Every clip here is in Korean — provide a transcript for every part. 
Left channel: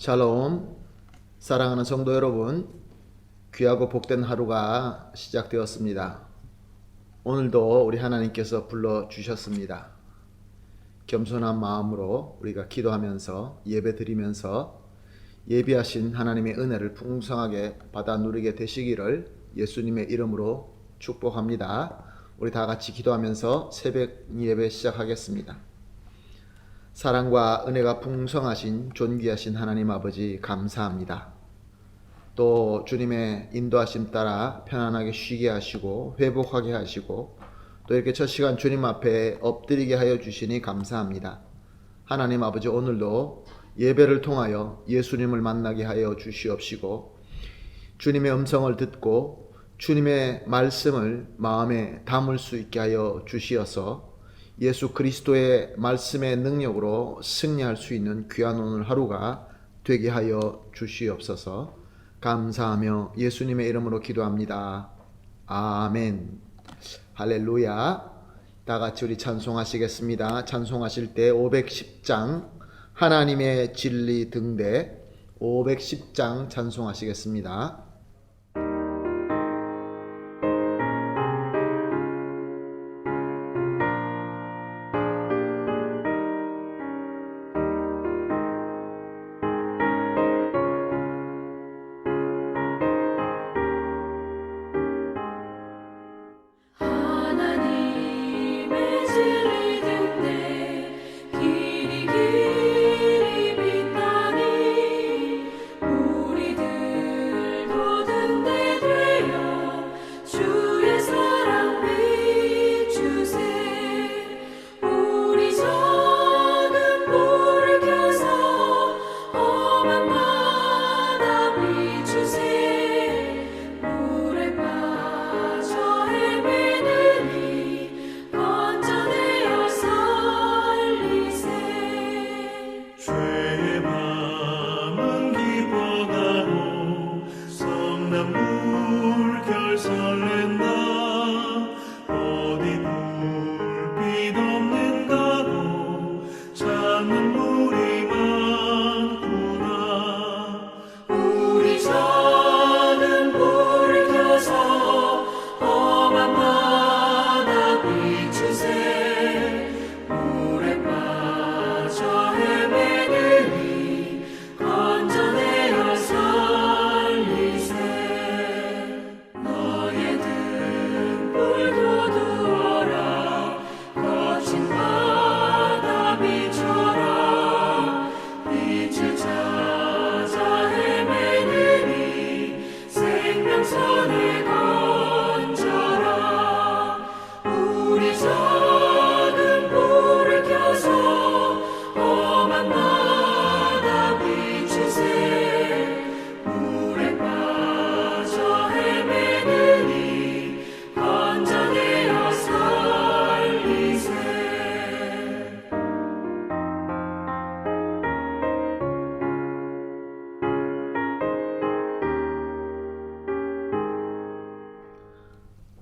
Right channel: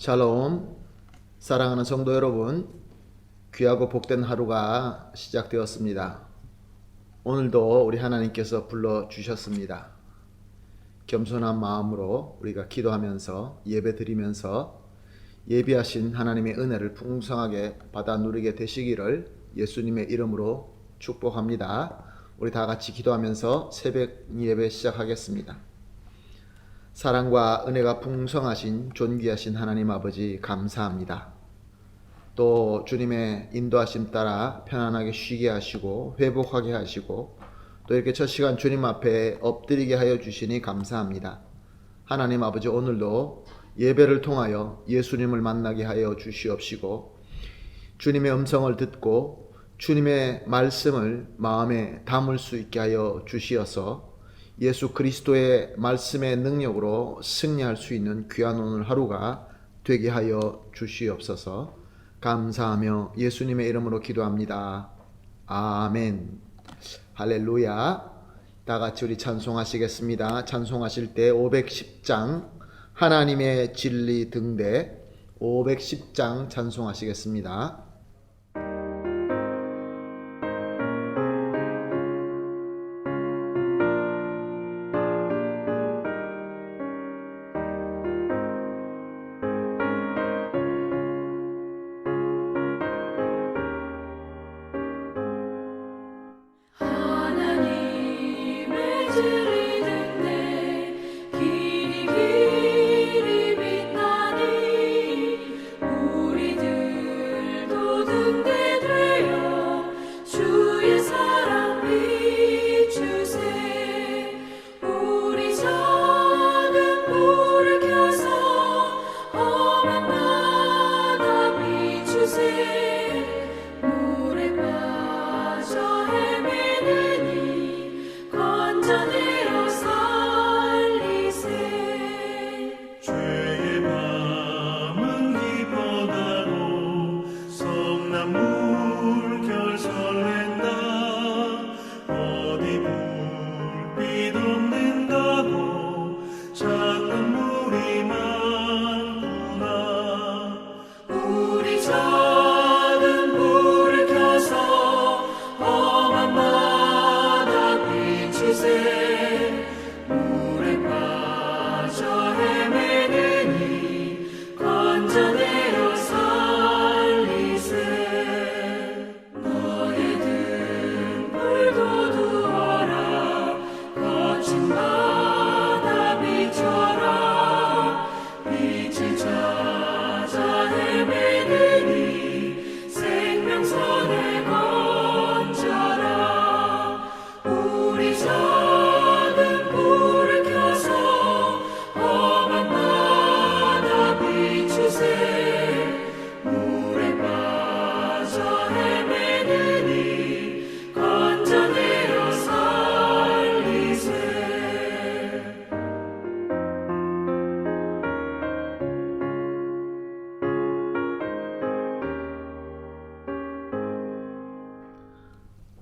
샬롬, 사랑하는 성도 여러분, 귀하고 복된 하루가 시작되었습니다. 오늘도 우리 하나님께서 불러주셨습니다. 겸손한 마음으로 우리가 기도하면서 예배드리면서 예비하신 하나님의 은혜를 풍성하게 받아 누리게 되시기를 예수님의 이름으로 축복합니다. 우리 다 같이 기도하면서 새벽 예배 시작하겠습니다. 사랑과 은혜가 풍성하신 존귀하신 하나님 아버지 감사합니다. 또 주님의 인도하심 따라 편안하게 쉬게 하시고 회복하게 하시고 또 이렇게 첫 시간 주님 앞에 엎드리게 하여 주시니 감사합니다. 하나님 아버지, 오늘도 예배를 통하여 예수님을 만나게 하여 주시옵시고 주님의 음성을 듣고 주님의 말씀을 마음에 담을 수 있게 하여 주시어서 예수 그리스도의 말씀의 능력으로 승리할 수 있는 귀한 오늘 하루가 되게 하여 주시옵소서. 감사하며 예수님의 이름으로 기도합니다. 아멘. 할렐루야. 다 같이 우리 찬송하시겠습니다. 찬송하실 때 510장 하나님의 진리 등대 510장 찬송하시겠습니다.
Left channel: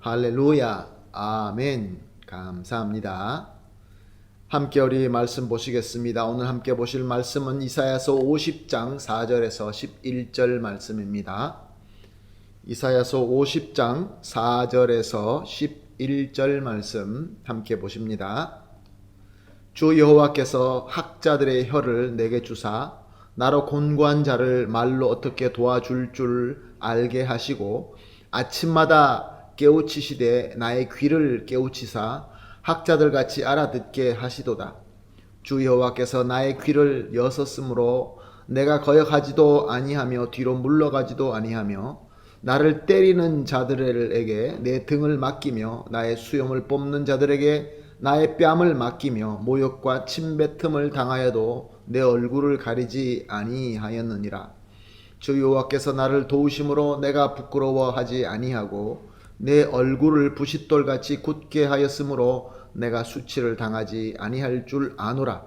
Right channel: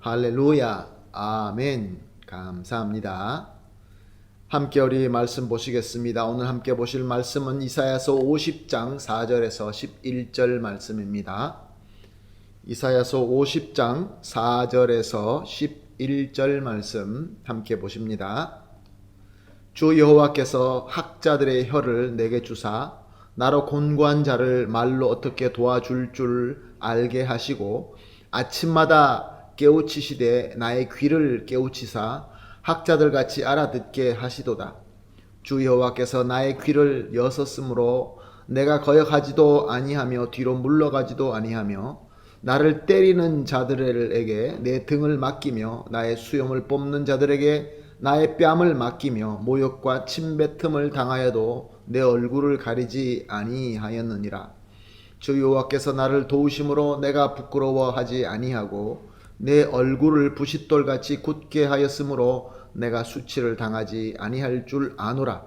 할렐루야. 아멘. 감사합니다. 함께 우리 말씀 보시겠습니다. 오늘 함께 보실 말씀은 이사야서 50장 4절에서 11절 말씀입니다. 이사야서 50장 4절에서 11절 말씀 함께 보십니다. 주 여호와께서 학자들의 혀를 내게 주사 나로 곤고한 자를 말로 어떻게 도와줄 줄 알게 하시고 아침마다 깨우치시되 나의 귀를 깨우치사 학자들같이 알아듣게 하시도다. 주 여호와께서 나의 귀를 여섰으므로 내가 거역하지도 아니하며 뒤로 물러가지도 아니하며 나를 때리는 자들에게 내 등을 맡기며 나의 수염을 뽑는 자들에게 나의 뺨을 맡기며 모욕과 침뱉음을 당하여도 내 얼굴을 가리지 아니하였느니라. 주 여호와께서 나를 도우심으로 내가 부끄러워하지 아니하고 내 얼굴을 부싯돌같이 굳게 하였으므로 내가 수치를 당하지 아니할 줄 아노라.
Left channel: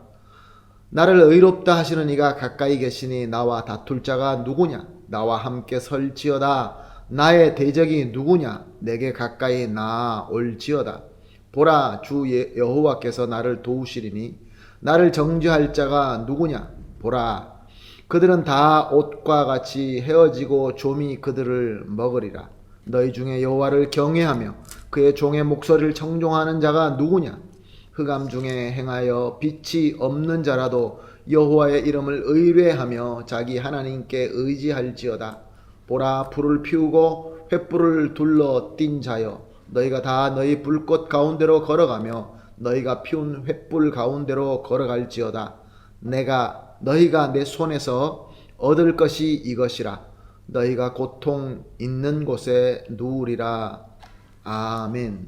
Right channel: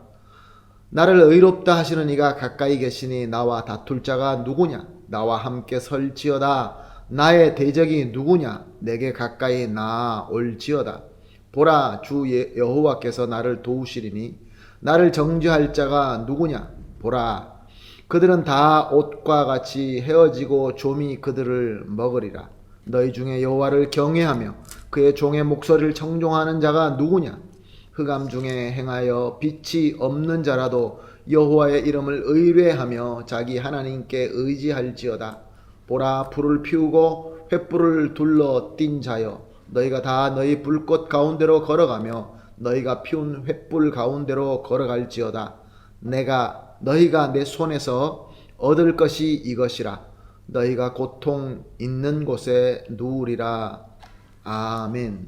나를 의롭다 하시는 이가 가까이 계시니 나와 다툴 자가 누구냐? 나와 함께 설지어다. 나의 대적이 누구냐? 내게 가까이 나올지어다. 보라, 주 여호와께서 나를 도우시리니 나를 정죄할 자가 누구냐? 보라, 그들은 다 옷과 같이 헤어지고 좀이 그들을 먹으리라. 너희 중에 여호와를 경외하며 그의 종의 목소리를 청종하는 자가 누구냐? 흑암 중에 행하여 빛이 없는 자라도 여호와의 이름을 의뢰하며 자기 하나님께 의지할지어다. 보라, 불을 피우고 횃불을 둘러 띈 자여, 너희가 다 너희 불꽃 가운데로 걸어가며 너희가 피운 횃불 가운데로 걸어갈지어다. 너희가 내 손에서 얻을 것이 이것이라. 너희가 고통 있는 곳에 누우리라. 아멘.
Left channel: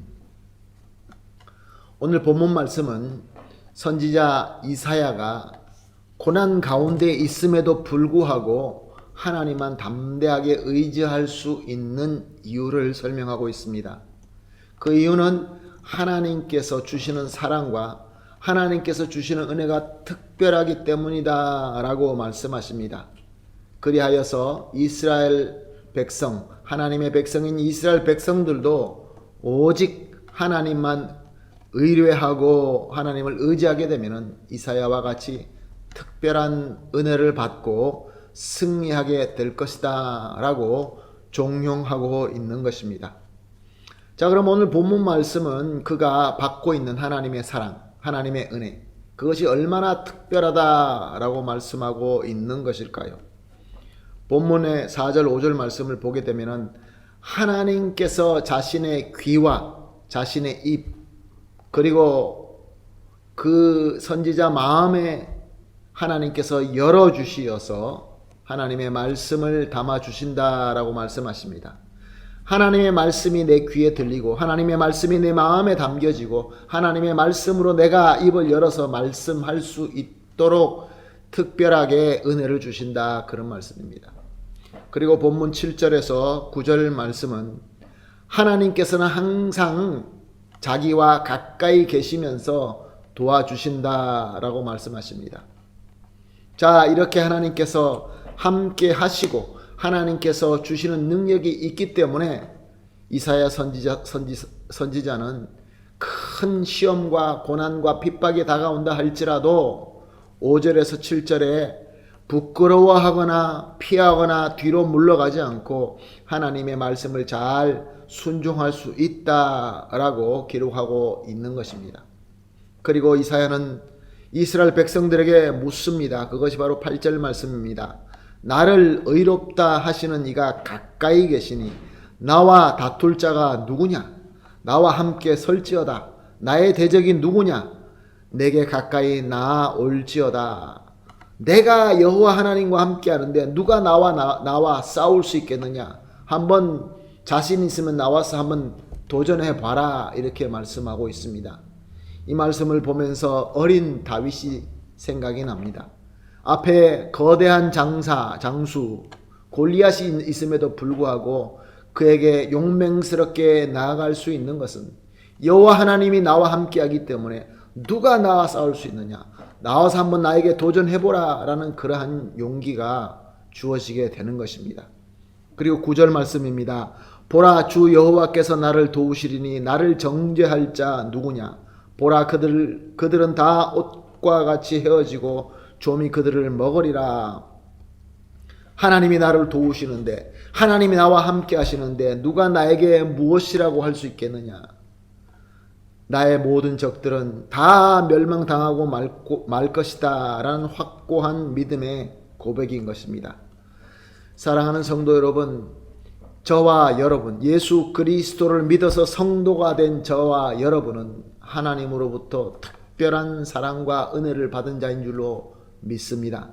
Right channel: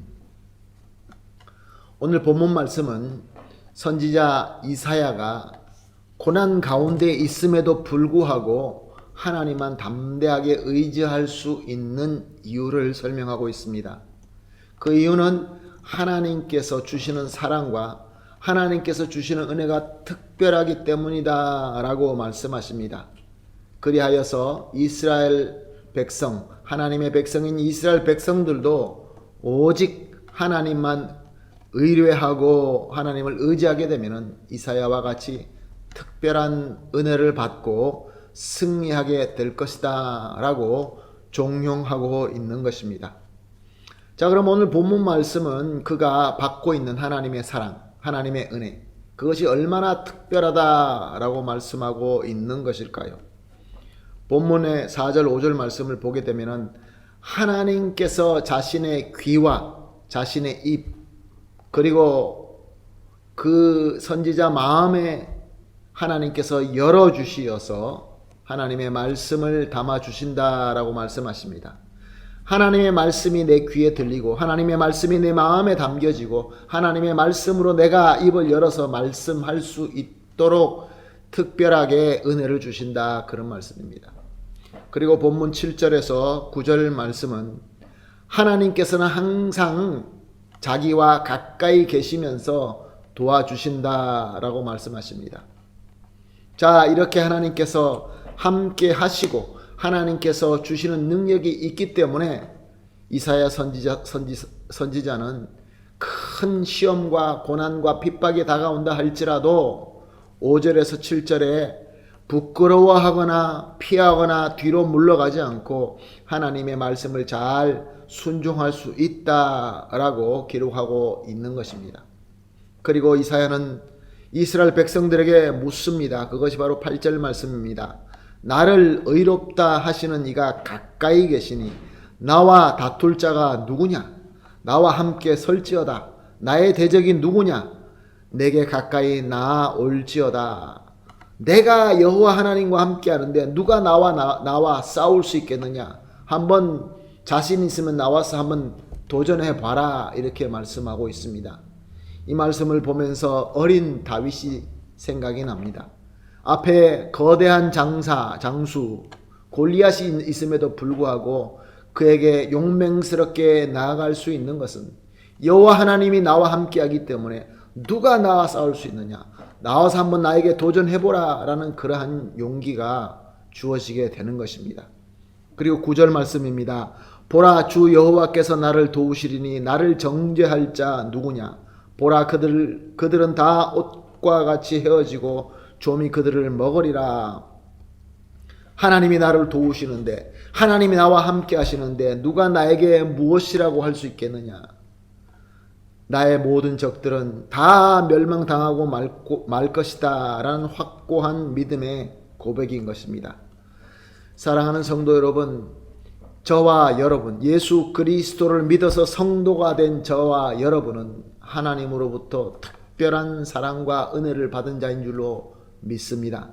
오늘 본문 말씀은 선지자 이사야가 고난 가운데 있음에도 불구하고 하나님만 담대하게 의지할 수 있는 이유를 설명하고 있습니다. 그 이유는 하나님께서 주시는 사랑과 하나님께서 주시는 은혜가 특별하기 때문이다 라고 말씀하십니다. 그리하여서 이스라엘 백성, 하나님의 백성인 이스라엘 백성들도 오직 하나님만 의뢰하고 하나님을 의지하게 되면 이사야와 같이 특별한 은혜를 받고 승리하게 될 것이다 라고 종용하고 있는 것입니다. 자, 그럼 오늘 본문 말씀은 그가 받고 있는 하나님의 사랑, 하나님의 은혜, 그것이 얼마나 특별하다라고 말씀하고 있는 것일까요? 본문의 4절 5절 말씀을 보게 되면 하나님께서 자신의 귀와 자신의 입 그리고 그 선지자 마음에 하나님께서 열어주시어서 하나님의 말씀을 담아주신다라고 말씀하십니다. 하나님의 말씀이 내 귀에 들리고 하나님의 말씀이 내 마음에 담겨지고 하나님의 말씀으로 내가 입을 열어서 말씀할 수 있도록 특별하게 은혜를 주신다, 그런 말씀입니다. 그리고 본문 7절에서 9절 말씀은 하나님께서는 항상 자기와 가까이 계시면서 도와주신다라고 말씀하십니다. 자, 이렇게 하나님께서 함께 하시고 하나님께서 주시는 능력이 있기 때문에 이사야 선지자는 큰 시험과 고난과 핍박이 다가온다 할지라도 5절에서 7절에 부끄러워하거나 피하거나 뒤로 물러가지 않고 하나님의 말씀을 잘 순종할 수 있다라고 기록하고 있는 것입니다. 그리고 이사야는 이스라엘 백성들에게 묻습니다. 그것이 바로 8절 말씀입니다. 나를 의롭다 하시는 이가 가까이 계시니 나와 다툴 자가 누구냐? 나와 함께 설지어다. 나의 대적이 누구냐? 내게 가까이 나올지어다. 내가 여호와 하나님과 함께 하는데 누가 나와 싸울 수 있겠느냐? 한번 자신 있으면 나와서 한번 도전해 봐라, 이렇게 말씀하고 있습니다. 이 말씀을 보면서 어린 다윗이 생각이 납니다. 앞에 거대한 장수 골리앗이 있음에도 불구하고 그에게 용맹스럽게 나아갈 수 있는 것은 여호와 하나님이 나와 함께하기 때문에 누가 나와 싸울 수 있느냐? 나와서 한번 나에게 도전해보라 라는 그러한 용기가 주어지게 되는 것입니다. 그리고 9절 말씀입니다. 보라, 주 여호와께서 나를 도우시리니 나를 정죄할 자 누구냐? 보라, 그들은 다 옷과 같이 헤어지고 좀이 그들을 먹으리라. 하나님이 나를 도우시는데, 하나님이 나와 함께 하시는데 누가 나에게 무엇이라고 할 수 있겠느냐? 나의 모든 적들은 다 멸망당하고 말 것이다 라는 확고한 믿음의 고백인 것입니다. 사랑하는 성도 여러분, 저와 여러분, 예수 그리스도를 믿어서 성도가 된 저와 여러분은 하나님으로부터 특별한 사랑과 은혜를 받은 자인 줄로 믿습니다.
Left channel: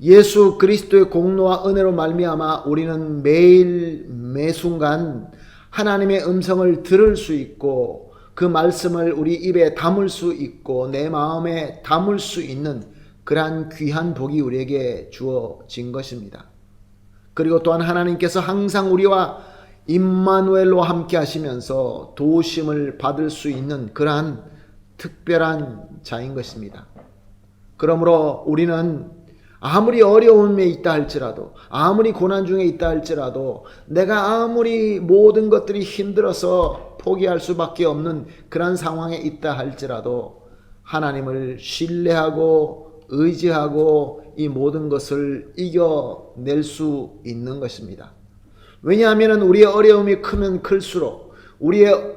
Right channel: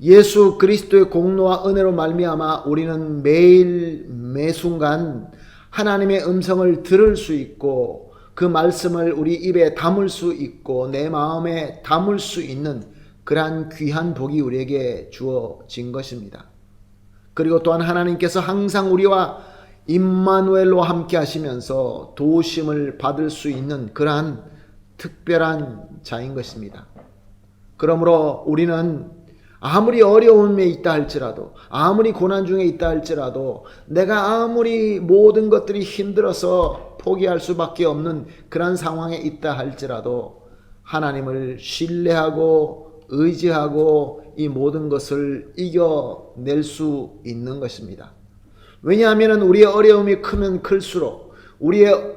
예수 그리스도의 공로와 은혜로 말미암아 우리는 매일 매순간 하나님의 음성을 들을 수 있고 그 말씀을 우리 입에 담을 수 있고 내 마음에 담을 수 있는 그러한 귀한 복이 우리에게 주어진 것입니다. 그리고 또한 하나님께서 항상 우리와 임마누엘로 함께 하시면서 도우심을 받을 수 있는 그러한 특별한 자인 것입니다. 그러므로 우리는 아무리 어려움에 있다 할지라도, 아무리 고난 중에 있다 할지라도, 내가 아무리 모든 것들이 힘들어서 포기할 수밖에 없는 그런 상황에 있다 할지라도 하나님을 신뢰하고 의지하고 이 모든 것을 이겨낼 수 있는 것입니다. 왜냐하면 우리의 어려움이 크면 클수록, 우리의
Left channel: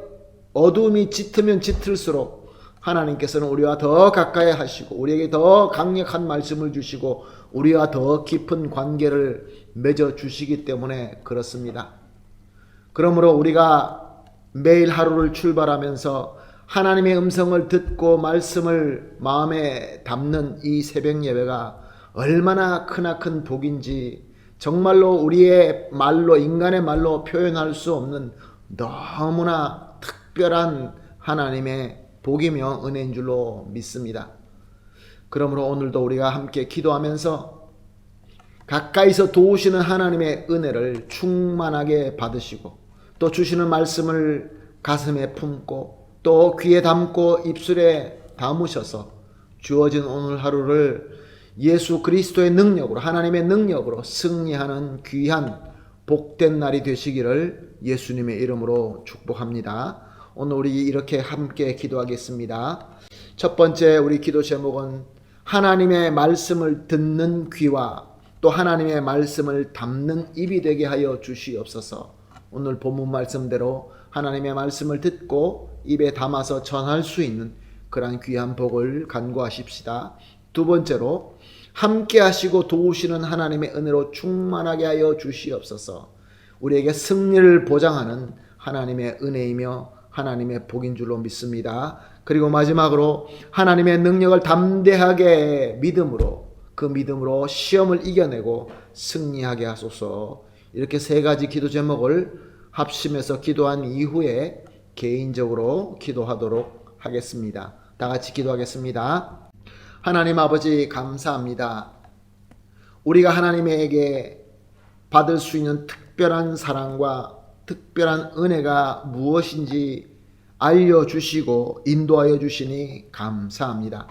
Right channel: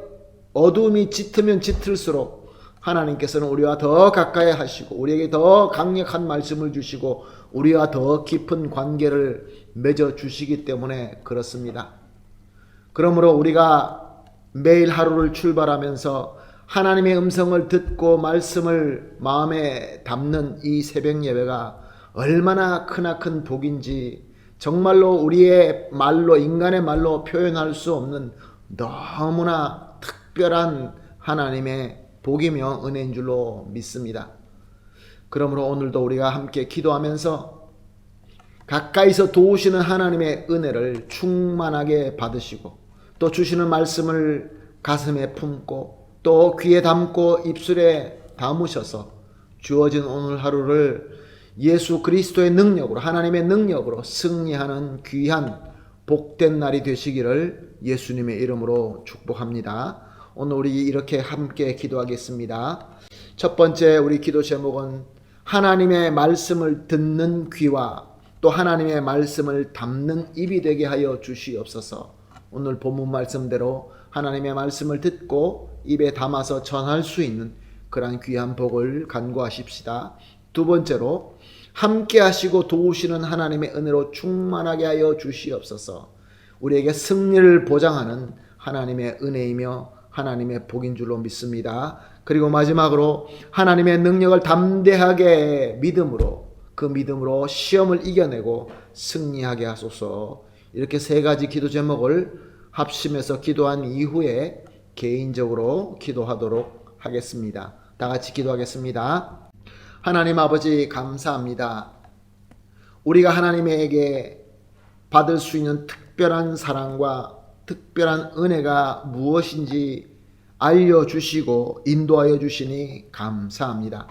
어두움이 짙으면 짙을수록 하나님께서는 우리와 더 가까이 하시고 우리에게 더 강력한 말씀을 주시고 우리와 더 깊은 관계를 맺어 주시기 때문에 그렇습니다. 그러므로 우리가 매일 하루를 출발하면서 하나님의 음성을 듣고 말씀을 마음에 담는 이 새벽 예배가 얼마나 크나큰 복인지 정말로 우리의 말로, 인간의 말로 표현할 수 없는 너무나 특별한 하나님의 복이며 은혜인 줄로 믿습니다. 그러므로 오늘도 우리가 함께 기도하면서 가까이서 도우시는 하나님의 은혜를 충만하게 받으시고 또 주시는 말씀을 가슴에 품고 또 귀에 담고 입술에 담으셔서 주어진 오늘 하루를 예수 그리스도의 능력으로, 하나님의 능력으로 승리하는 귀한 복된 날이 되시기를 예수님의 이름으로 축복합니다. 오늘 우리 이렇게 함께 기도하겠습니다. 첫 번째 우리 기도 제목은 하나님의 말씀을 듣는 귀와 또 하나님의 말씀을 담는 입이 되게 하여 주시옵소서. 오늘 본문 말씀대로 하나님의 말씀을 듣고 입에 담아서 전할 수 있는 그러한 귀한 복을 간구하십시다. 두 번째로 함께 하시고 도우시는 하나님의 은혜로 충만하게 하여 주시옵소서. 우리에게 승리를 보장하는 하나님의 은혜이며 하나님의 복인 줄로 믿습니다. 그리고 마지막으로 하나님의 능력을 담대하게 믿음으로, 그 믿음으로 시험을 이겨내고 승리하게 하소서. 이렇게 세 가지 기도 제목을 합심해서 기도한 이후에 개인적으로 기도하도록 하겠습니다. 다 같이 기도하겠습니다. 하나님 아버지 감사합니다. 우리가 하나님에게 받을 수 있는 특별한 사랑과 특별한 은혜가 무엇인지 알려주시고 인도하여 주시니 감사합니다.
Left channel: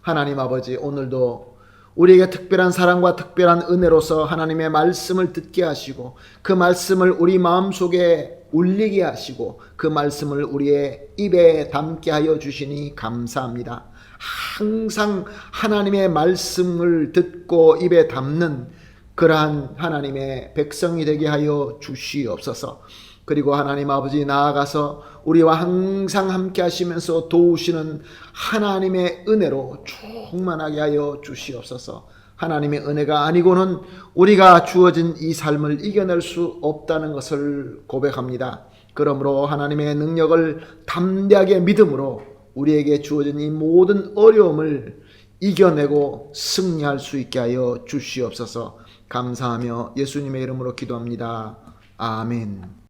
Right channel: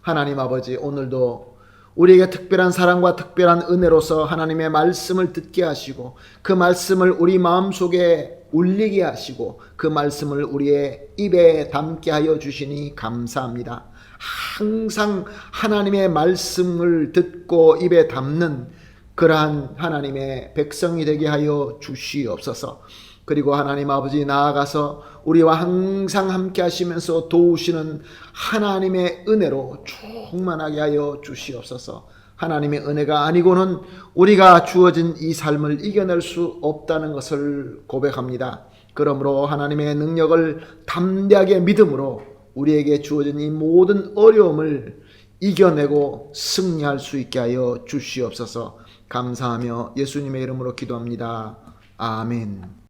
하나님 아버지, 오늘도 우리에게 특별한 사랑과 특별한 은혜로서 하나님의 말씀을 듣게 하시고 그 말씀을 우리 마음속에 울리게 하시고 그 말씀을 우리의 입에 담게 하여 주시니 감사합니다. 항상 하나님의 말씀을 듣고 입에 담는 그러한 하나님의 백성이 되게 하여 주시옵소서. 그리고 하나님 아버지, 나아가서 우리와 항상 함께 하시면서 도우시는 하나님의 은혜로 충만하게 하여 주시옵소서. 하나님의 은혜가 아니고는 우리가 주어진 이 삶을 이겨낼 수 없다는 것을 고백합니다. 그러므로 하나님의 능력을 담대하게 믿음으로 우리에게 주어진 이 모든 어려움을 이겨내고 승리할 수 있게 하여 주시옵소서. 감사하며 예수님의 이름으로 기도합니다. 아멘.